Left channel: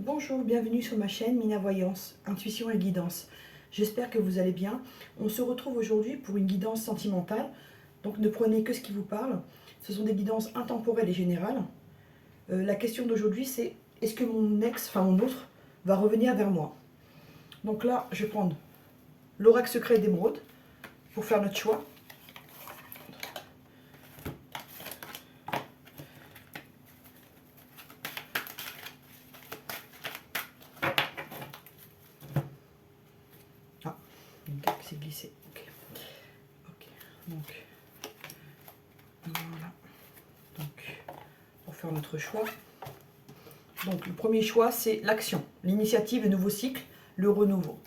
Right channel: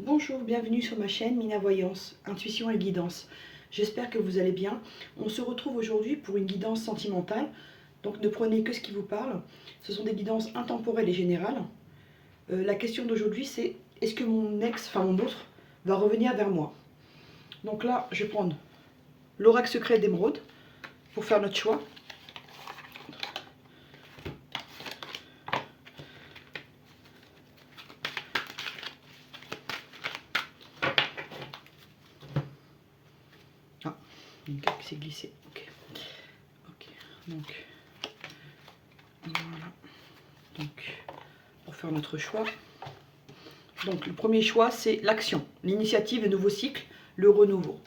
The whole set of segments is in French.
Bonjour, bienvenue sur ma chaîne Mina Voyance, Intuition et Guidance. J'espère que vous allez bien. On se retrouve aujourd'hui pour une guidance sentimentale. Donc ne prenez que ce qui vous parle. Ce sont des guidances intemporelles et générales. La question d'aujourd'hui c'est est-ce que mon ex, enfin mon autre, va revenir vers moi? Donc là, je vais prendre l'oracle secret d'émeraude pour faire notre choix. Ah, une carte qui s'est glissée. Ok. Donc, voilà. Donc, pour faire notre choix. Donc, le premier choix, c'est l'action, l'initiative, le nouveau cycle, le renouveau.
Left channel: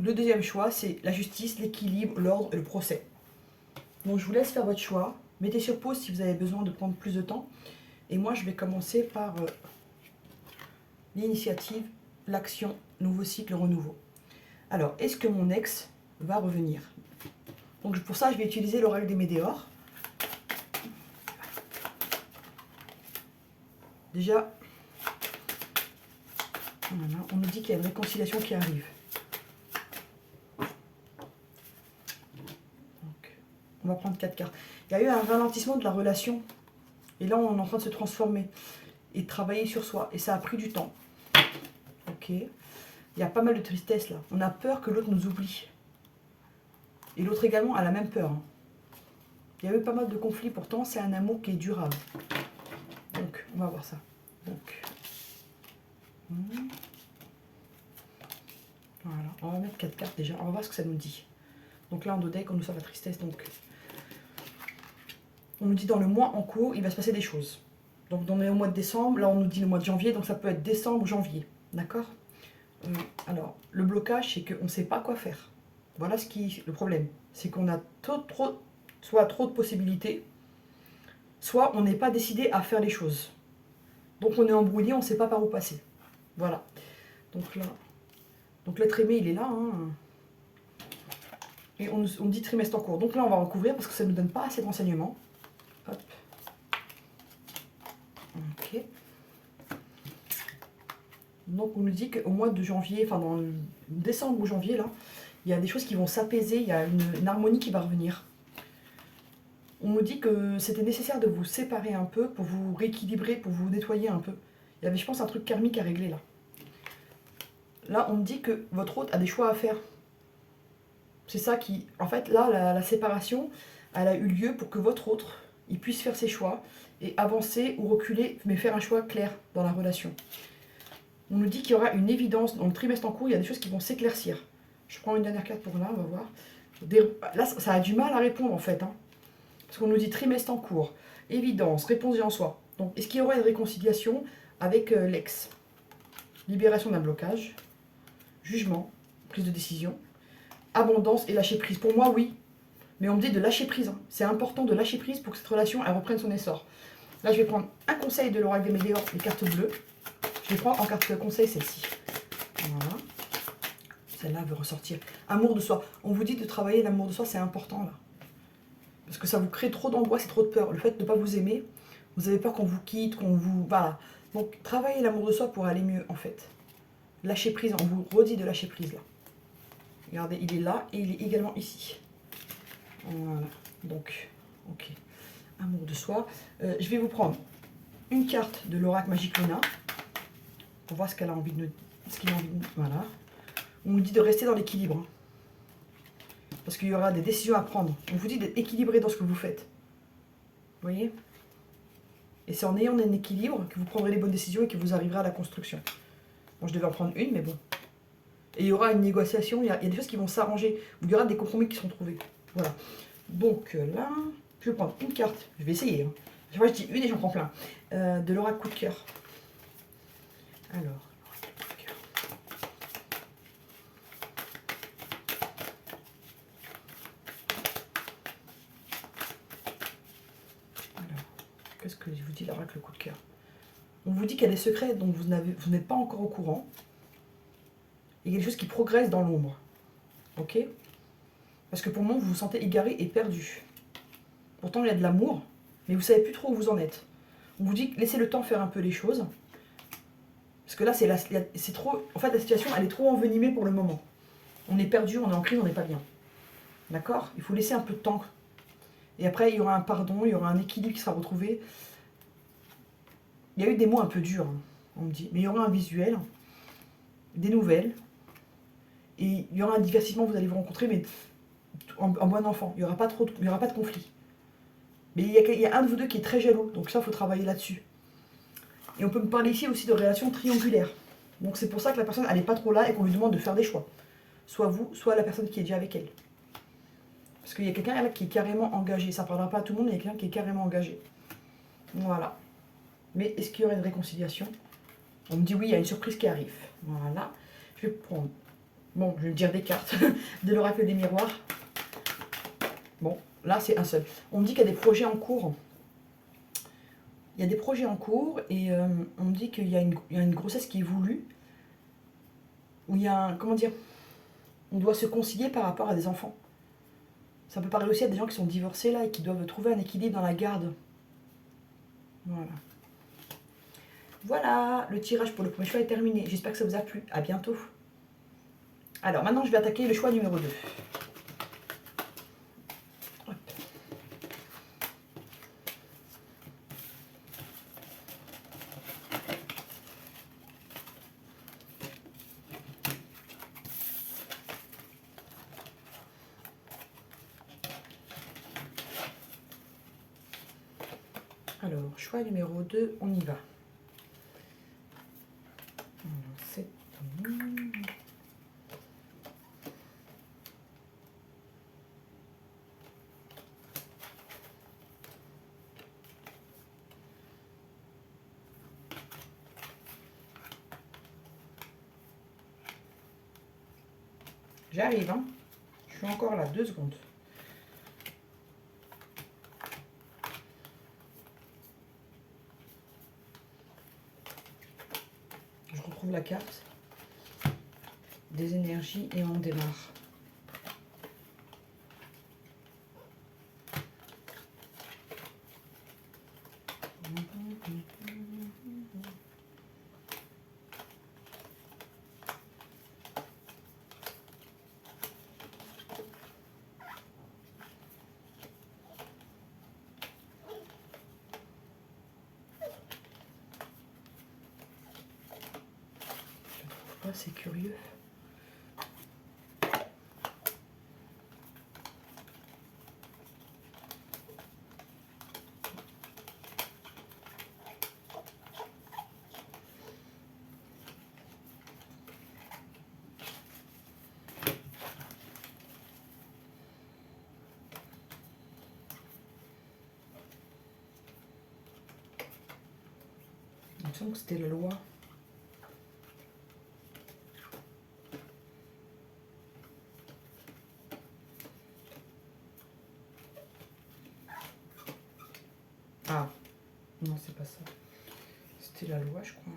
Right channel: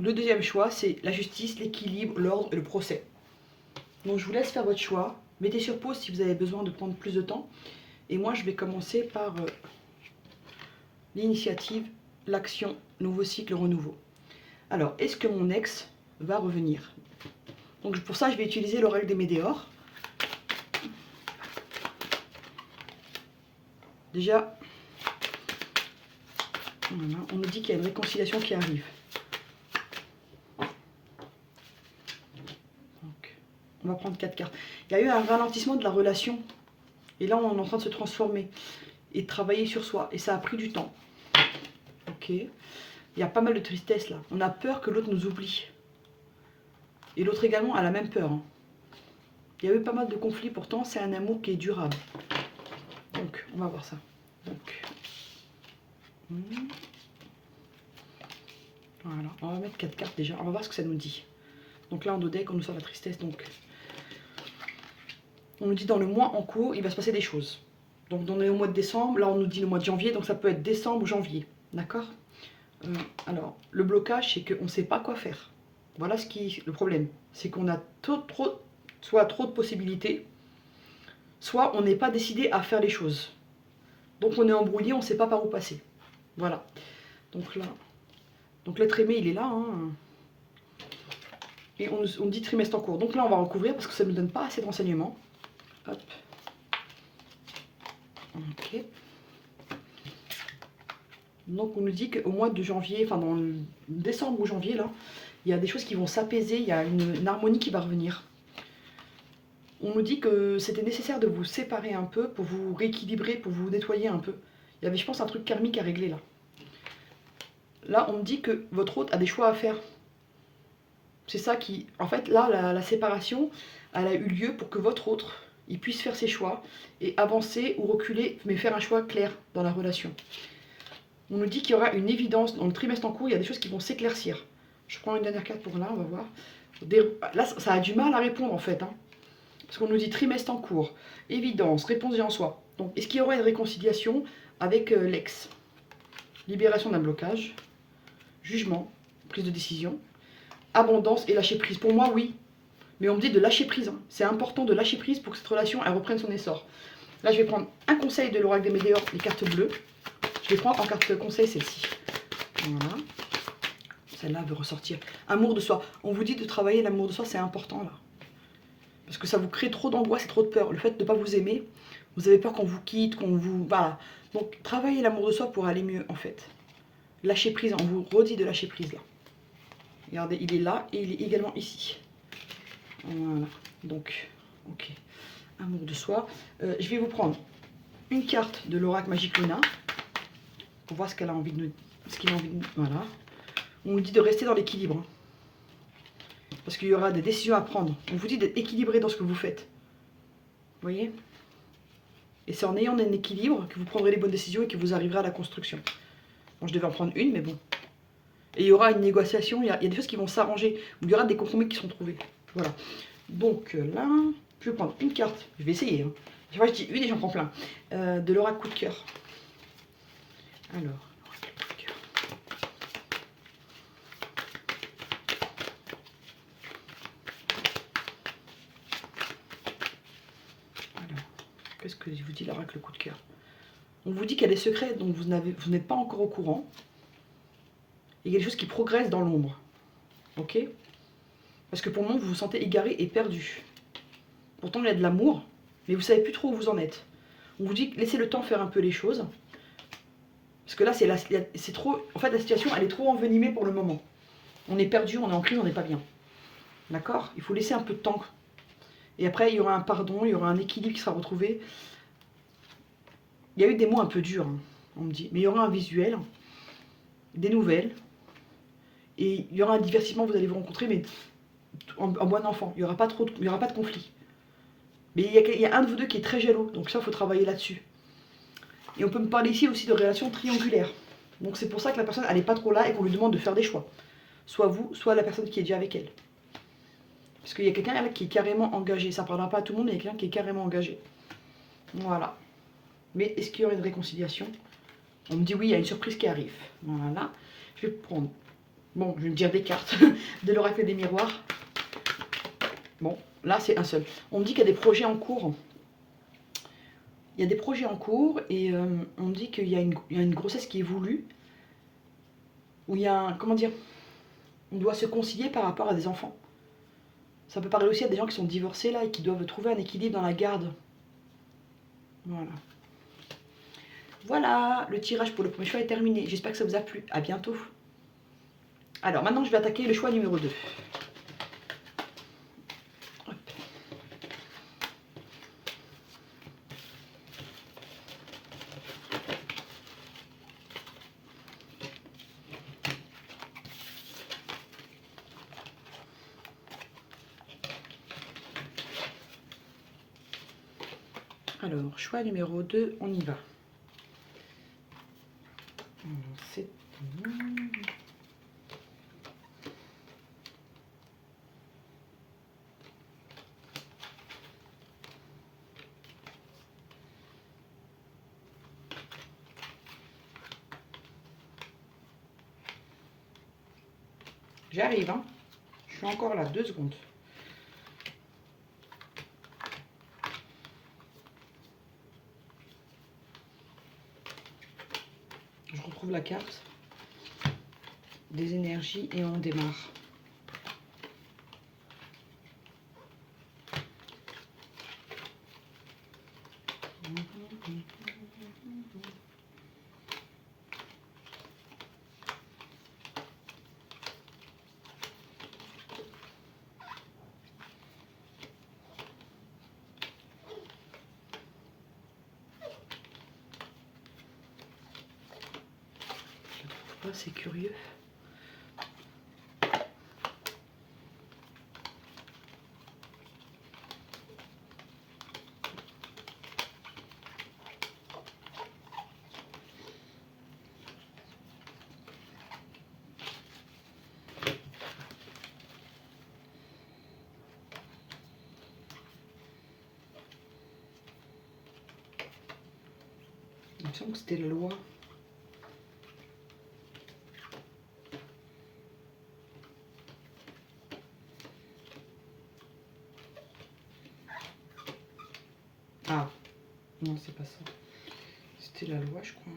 Le deuxième choix, c'est la justice, l'équilibre, l'ordre et le procès. Donc, je vous laisse faire votre choix. Mettez sur pause si vous avez besoin de prendre plus de temps. Et moi, je vais commencer par l'initiative, l'action, nouveau cycle, renouveau. Alors, est-ce que mon ex va revenir? Donc, pour ça, je vais utiliser l'oracle des Médéors. Déjà, voilà, on nous dit qu'il y a une réconciliation qui arrive. Donc, on va prendre 4 cartes. Il y a eu un ralentissement de la relation. Et là, on est en train de se transformer et de travailler sur soi. Et ça a pris du temps. Ok. Il y a pas mal de tristesse là. On a peur que l'autre nous oublie. Et l'autre également a la même peur. Il y a eu pas mal de conflits. Pourtant, c'est un amour qui est durable. Donc, on va voir ça. Donc, voilà. On va mettre 4 cartes déjà. On va voir ce que ça nous dit. Donc là, en dos deck, on nous sort la tristesse. Donc, on nous dit dans le mois en cours, il va se passer des choses. Donc, on est au mois de décembre. Là, on nous dit le mois de janvier. Donc, ça peut être décembre ou janvier. D'accord? Alors, le blocage, c'est qu'on ne sait pas quoi faire. Voilà le problème. C'est qu'on a soit trop de possibilités, soit on n'est pas décidé à faire les choses. Donc, on est embrouillé, on ne sait pas par où passer. Voilà. Donc là, donc l'être aimé, il est là. Et on dit trimestre en cours. Donc là, on va recouvrir parce que ça ne nous donne pas assez de renseignements. Hop. Ok. Donc on nous dit qu'au mois de janvier, enfin dans le décembre ou janvier, là, il y a des choses qui vont s'apaiser, il y a une harmonie qui va revenir. On nous dit que c'était nécessaire de vous séparer un peu pour vous rééquilibrer, pour vous nettoyer un peu. Il y avait, je pense, un truc karmique à régler là. Là, on me dit que votre hôte a des choix à faire. C'est ça qui... En fait, là, la séparation, elle a eu lieu pour que votre autre, il puisse faire ses choix et avancer ou reculer, mais faire un choix clair dans la relation. On nous dit qu'il y aura une évidence dans le trimestre en cours, il y a des choses qui vont s'éclaircir. Je prends une dernière carte pour là, on va voir. Là, ça a du mal à répondre en fait. Parce qu'on nous dit trimestre en cours, évidence, réponse en soi. Donc, est-ce qu'il y aura une réconciliation avec l'ex? Libération d'un blocage, jugement, prise de décision, abondance et lâcher prise. Pour moi, oui. Mais on me dit de lâcher prise. C'est important de lâcher prise pour que cette relation elle reprenne son essor. Là, je vais prendre un conseil de l'oracle des Médéors, les cartes bleues. Je vais prendre en carte conseil celle-ci. Voilà. Celle-là veut ressortir. Amour de soi. On vous dit de travailler l'amour de soi, c'est important là. Parce que ça vous crée trop d'angoisse et trop de peur. Le fait de ne pas vous aimer, vous avez peur qu'on vous quitte, qu'on vous... Voilà. Donc, travaillez l'amour de soi pour aller mieux, en fait. Lâcher prise, on vous redit de lâcher prise, là. Regardez, il est là et il est également ici. Voilà. Donc, ok. Amour de soi. Je vais vous prendre une carte de l'oracle magique Luna pour voir ce qu'elle a envie de... Voilà. On nous dit de rester dans l'équilibre. Parce qu'il y aura des décisions à prendre. On vous dit d'être équilibré dans ce que vous faites. Vous voyez? Et c'est en ayant un équilibre que vous prendrez les bonnes décisions et que vous arriverez à la construction. Bon, je devais en prendre une, mais bon. Et il y aura une négociation, il y a des choses qui vont s'arranger. Il y aura des compromis qui sont trouvés. Voilà. Donc là, je vais prendre une carte. Je vais essayer. Chaque fois, je dis une et j'en prends plein. De l'oracle coup de cœur. Alors. Qu'est-ce que je vous dis l'oracle coup de cœur? On vous dit qu'elle est secrète, donc vous n'êtes pas encore au courant. Il y a quelque chose qui progresse dans l'ombre. Ok? Parce que pour moi, vous vous sentez égaré et perdu. Pourtant, il y a de l'amour, mais vous ne savez plus trop où vous en êtes. On vous dit laissez le temps faire un peu les choses. Parce que là, c'est trop... En fait, la situation, elle est trop envenimée pour le moment. On est perdu, on est en crise, on n'est pas bien. D'accord? Il faut laisser un peu de temps. Et après, il y aura un pardon, il y aura un équilibre qui sera retrouvé. Il y a eu des mots un peu durs, hein, on me dit. Mais il y aura un visuel, des nouvelles. Et il y aura un divertissement, vous allez vous rencontrer, mais en bon enfant. Il n'y aura pas de conflit. Mais il y a un de vous deux qui est très jaloux. Donc ça, il faut travailler là-dessus. Et on peut me parler ici aussi de relations triangulaires. Donc c'est pour ça que la personne, elle n'est pas trop là et qu'on lui demande de faire des choix. Soit vous, soit la personne qui est déjà avec elle. Parce qu'il y a quelqu'un là qui est carrément engagé. Ça ne parlera pas à tout le monde, mais il y a quelqu'un qui est carrément engagé. Voilà. Mais est-ce qu'il y aura une réconciliation? On me dit oui, il y a une surprise qui arrive. Voilà. Je vais prendre... Bon, je vais me dire des cartes de l'oracle des miroirs. Bon, là c'est un seul. On me dit qu'il y a des projets en cours. Il y a des projets en cours et on me dit qu'il y a une grossesse qui est voulue. Où il y a un... Comment dire? On doit se concilier par rapport à des enfants. Ça peut parler aussi à des gens qui sont divorcés là et qui doivent trouver un équilibre dans la garde. Voilà. Voilà, le tirage pour le premier choix est terminé. J'espère que ça vous a plu. À bientôt. Alors maintenant, je vais attaquer le choix numéro 2. Hop. Alors, choix numéro 2, on y va. C'est... J'arrive, hein. Je suis encore là, 2 secondes. Je retrouve la carte des énergies et on démarre. C'est curieux. Il me semble que c'était la loi. Ah, non, c'est pas ça. C'était la loi, je crois.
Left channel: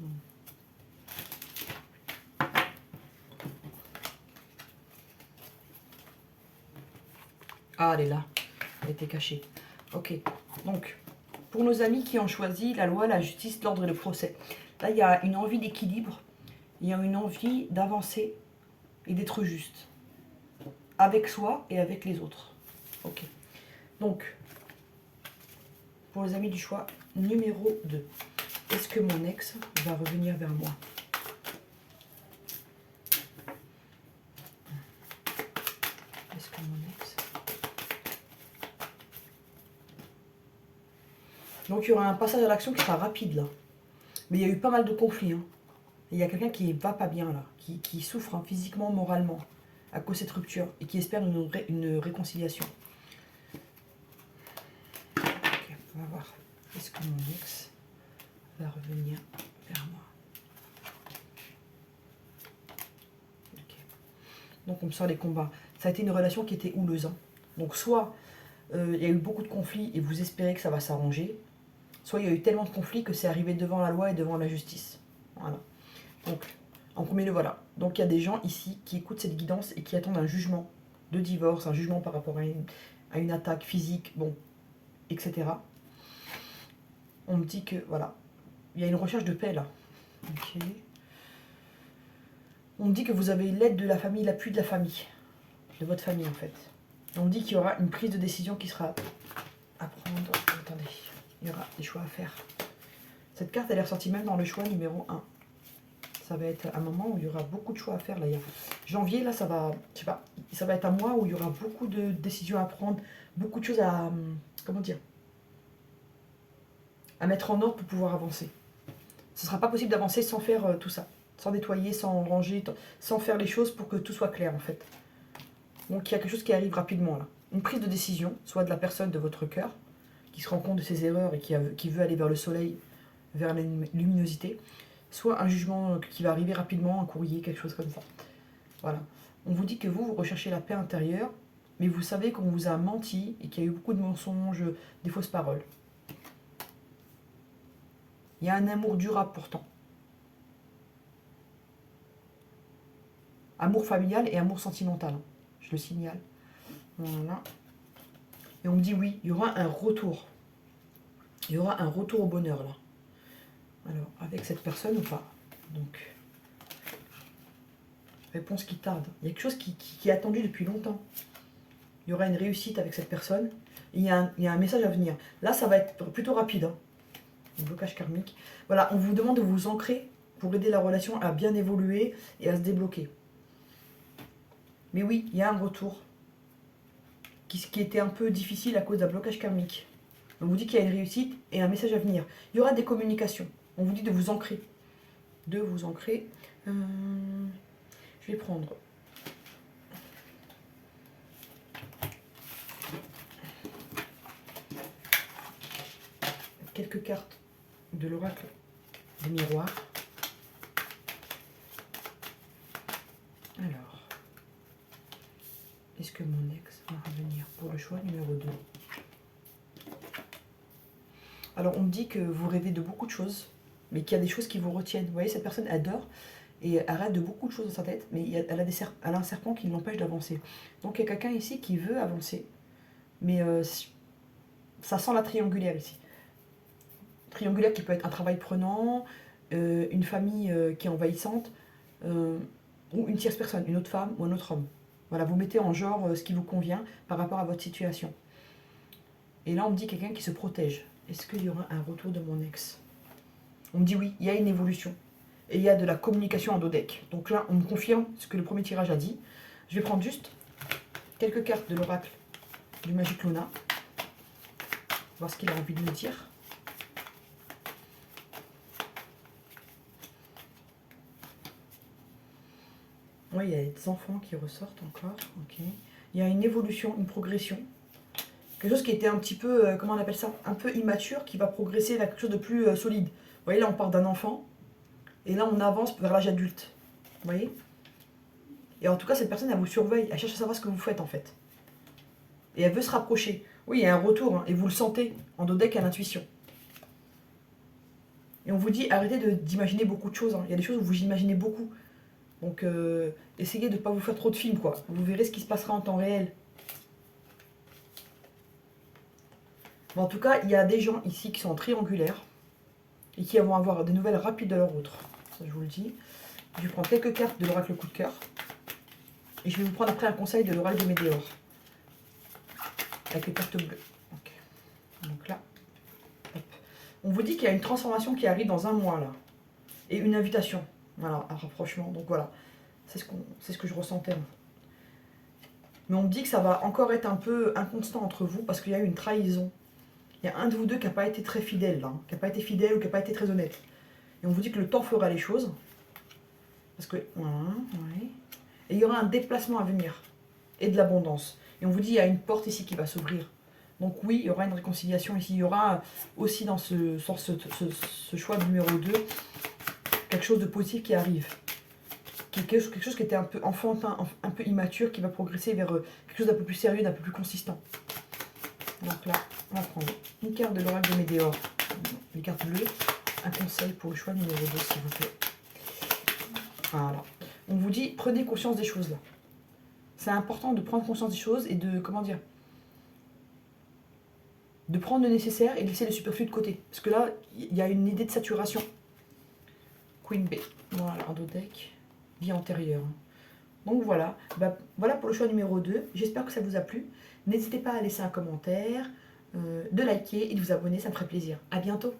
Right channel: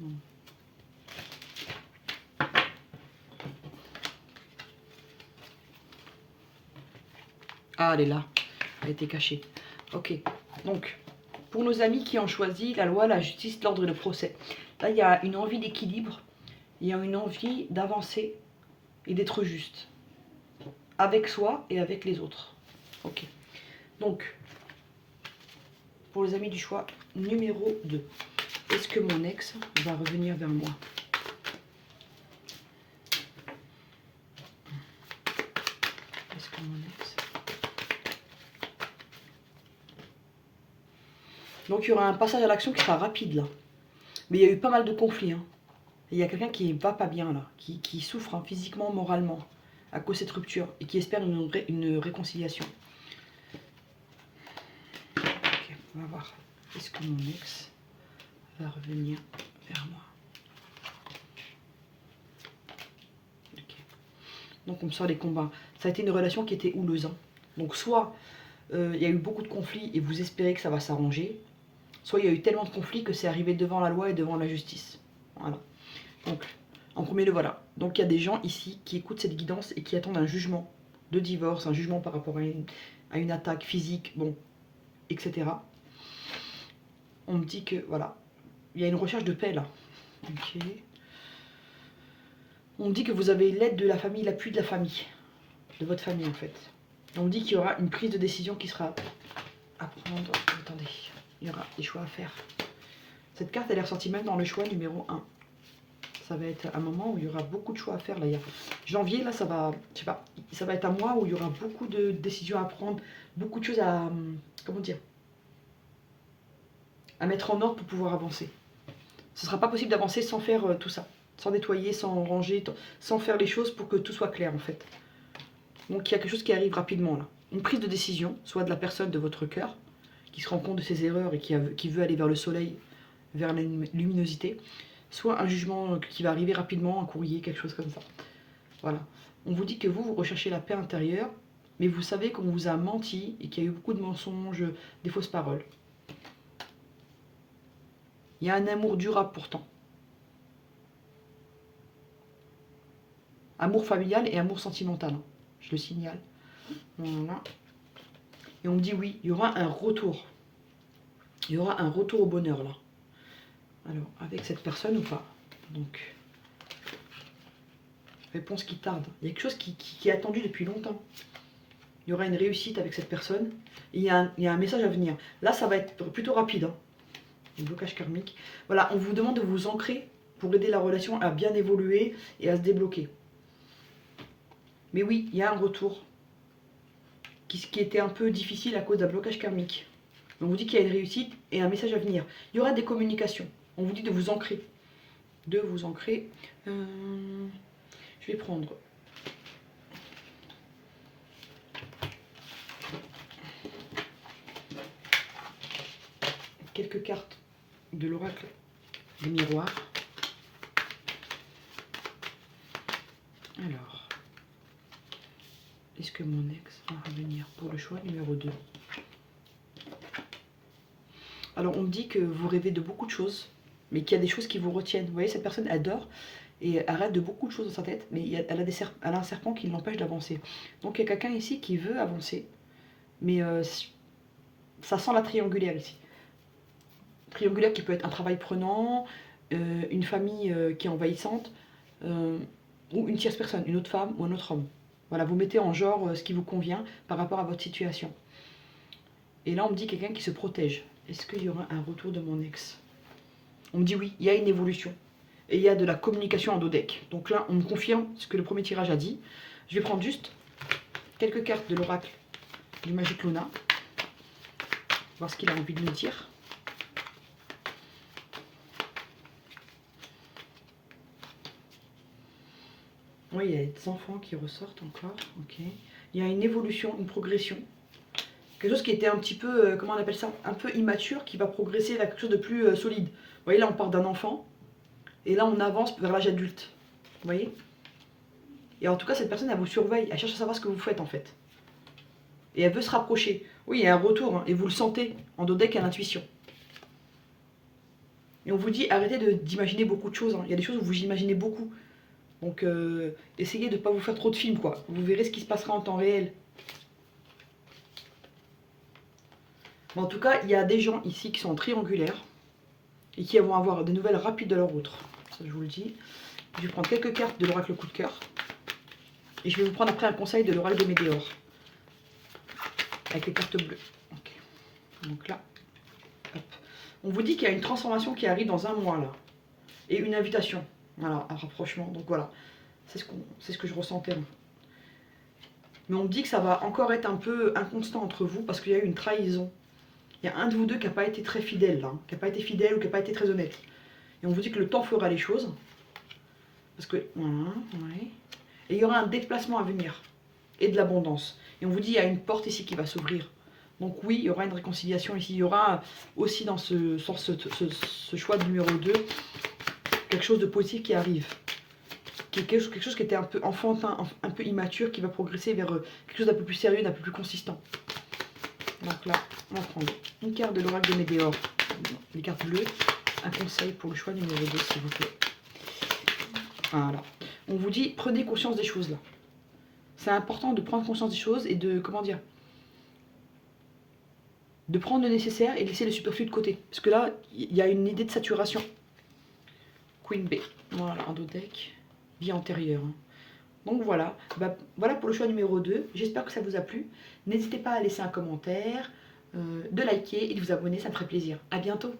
Non. Ah, elle est là. Elle était cachée. Ok. Donc, pour nos amis qui ont choisi la loi, la justice, l'ordre et le procès. Là, il y a une envie d'équilibre. Il y a une envie d'avancer et d'être juste. Avec soi et avec les autres. Ok. Donc, pour les amis du choix numéro 2. Est-ce que mon ex va revenir vers moi? Est-ce que mon ex... Donc il y aura un passage à l'action qui sera rapide là. Mais il y a eu pas mal de conflits. Hein. Et il y a quelqu'un qui va pas bien là, qui souffre hein, physiquement, moralement, à cause de cette rupture, et qui espère une réconciliation. Ok, on va voir. Est-ce que mon ex va revenir vers moi? Ok. Donc on me sort les combats. Ça a été une relation qui était houleuse. Hein. Donc soit il y a eu beaucoup de conflits et vous espérez que ça va s'arranger, soit il y a eu tellement de conflits que c'est arrivé devant la loi et devant la justice. Voilà. Donc, en premier lieu, voilà. Donc il y a des gens ici qui écoutent cette guidance et qui attendent un jugement de divorce, un jugement par rapport à une attaque physique, bon, etc. On me dit que, voilà, il y a une recherche de paix là. Ok. On me dit que vous avez l'aide de la famille, l'appui de la famille, de votre famille en fait. On me dit qu'il y aura une prise de décision qui sera à prendre. Attendez, il y aura des choix à faire. Cette carte, elle est ressortie même dans le choix numéro 1. Ça va être un moment où il y aura beaucoup de choix à faire. Là, il y a janvier, là, ça va, je sais pas, ça va être un mois où il y aura beaucoup de décisions à prendre, beaucoup de choses à, comment dire, à mettre en ordre pour pouvoir avancer. Ce ne sera pas possible d'avancer sans faire tout ça, sans nettoyer, sans ranger, sans faire les choses pour que tout soit clair en fait. Donc il y a quelque chose qui arrive rapidement là. Une prise de décision, soit de la personne de votre cœur, qui se rend compte de ses erreurs et qui veut aller vers le soleil, vers la luminosité, soit un jugement qui va arriver rapidement, un courrier, quelque chose comme ça. Voilà. On vous dit que vous recherchez la paix intérieure, mais vous savez qu'on vous a menti et qu'il y a eu beaucoup de mensonges, des fausses paroles. Il y a un amour durable pourtant. Amour familial et amour sentimental, je le signale. Voilà. Et on me dit oui, il y aura un retour. Il y aura un retour au bonheur là. Alors, avec cette personne ou pas? Donc, réponse qui tarde. Il y a quelque chose qui est attendu depuis longtemps. Il y aura une réussite avec cette personne. Et il y a un message à venir. Là, ça va être plutôt rapide. Hein. Le blocage karmique. Voilà, on vous demande de vous ancrer pour aider la relation à bien évoluer et à se débloquer. Mais oui, il y a un retour qui était un peu difficile à cause d'un blocage karmique. On vous dit qu'il y a une réussite et un message à venir. Il y aura des communications. On vous dit de vous ancrer. De vous ancrer. Je vais prendre quelques cartes de l'oracle des miroirs. Alors, est-ce que mon ex va revenir pour le choix numéro 2? Alors, on me dit que vous rêvez de beaucoup de choses, mais qu'il y a des choses qui vous retiennent. Vous voyez, cette personne adore et elle rêve de beaucoup de choses dans sa tête, mais elle a un serpent qui l'empêche d'avancer. Donc, il y a quelqu'un ici qui veut avancer, mais ça sent la triangulaire ici. Triangulaire qui peut être un travail prenant, une famille qui est envahissante, ou une tierce personne, une autre femme ou un autre homme. Voilà, vous mettez en genre ce qui vous convient par rapport à votre situation. Et là, on me dit quelqu'un qui se protège. Est-ce qu'il y aura un retour de mon ex? On me dit oui, il y a une évolution. Et il y a de la communication en dos deck. Donc là, on me confirme ce que le premier tirage a dit. Je vais prendre juste quelques cartes de l'oracle du Magic Luna. Voir ce qu'il a envie de nous dire. Oui, il y a des enfants qui ressortent encore. Ok. Il y a une évolution, une progression. Quelque chose qui était un petit peu, comment on appelle ça, un peu immature, qui va progresser vers quelque chose de plus solide. Vous voyez, là, on part d'un enfant, et là, on avance vers l'âge adulte. Vous voyez? Et en tout cas, cette personne, elle vous surveille, elle cherche à savoir ce que vous faites, en fait. Et elle veut se rapprocher. Oui, il y a un retour, hein, et vous le sentez, en dos deck à l'intuition. Et on vous dit, arrêtez d'imaginer beaucoup de choses. Hein. Il y a des choses où vous imaginez beaucoup. Donc, essayez de ne pas vous faire trop de films, quoi. Vous verrez ce qui se passera en temps réel. Mais en tout cas, il y a des gens ici qui sont triangulaires et qui vont avoir des nouvelles rapides de leur autre. Ça, je vous le dis. Je vais prendre quelques cartes de l'oracle coup de cœur. Et je vais vous prendre après un conseil de l'oracle des météores. Avec les cartes bleues. Okay. Donc là, hop. On vous dit qu'il y a une transformation qui arrive dans un mois, là. Et une invitation. Voilà, un rapprochement. Donc voilà, c'est ce que je ressentais. Mais on me dit que ça va encore être un peu inconstant entre vous parce qu'il y a eu une trahison. Il y a un de vous deux qui n'a pas été très fidèle, là, qui n'a pas été fidèle ou qui n'a pas été très honnête. Et on vous dit que le temps fera les choses. Parce que, voilà, ouais. Et il y aura un déplacement à venir. Et de l'abondance. Et on vous dit qu'il y a une porte ici qui va s'ouvrir. Donc oui, il y aura une réconciliation ici. Il y aura aussi dans ce choix de numéro 2, quelque chose de positif qui arrive. Quelque chose qui était un peu enfantin, un peu immature, qui va progresser vers quelque chose d'un peu plus sérieux, d'un peu plus consistant. Donc là, on va prendre une carte de l'oracle de Météor, les cartes bleues, un conseil pour le choix numéro 2, s'il vous plaît. Voilà. On vous dit, prenez conscience des choses là. C'est important de prendre conscience des choses et de, comment dire, de prendre le nécessaire et laisser le superflu de côté. Parce que là, il y a une idée de saturation. Queen B. Voilà, en dos deck. Vie antérieure. Donc voilà. Bah, voilà pour le choix numéro 2. J'espère que ça vous a plu. N'hésitez pas à laisser un commentaire, de liker et de vous abonner, ça me ferait plaisir. À bientôt.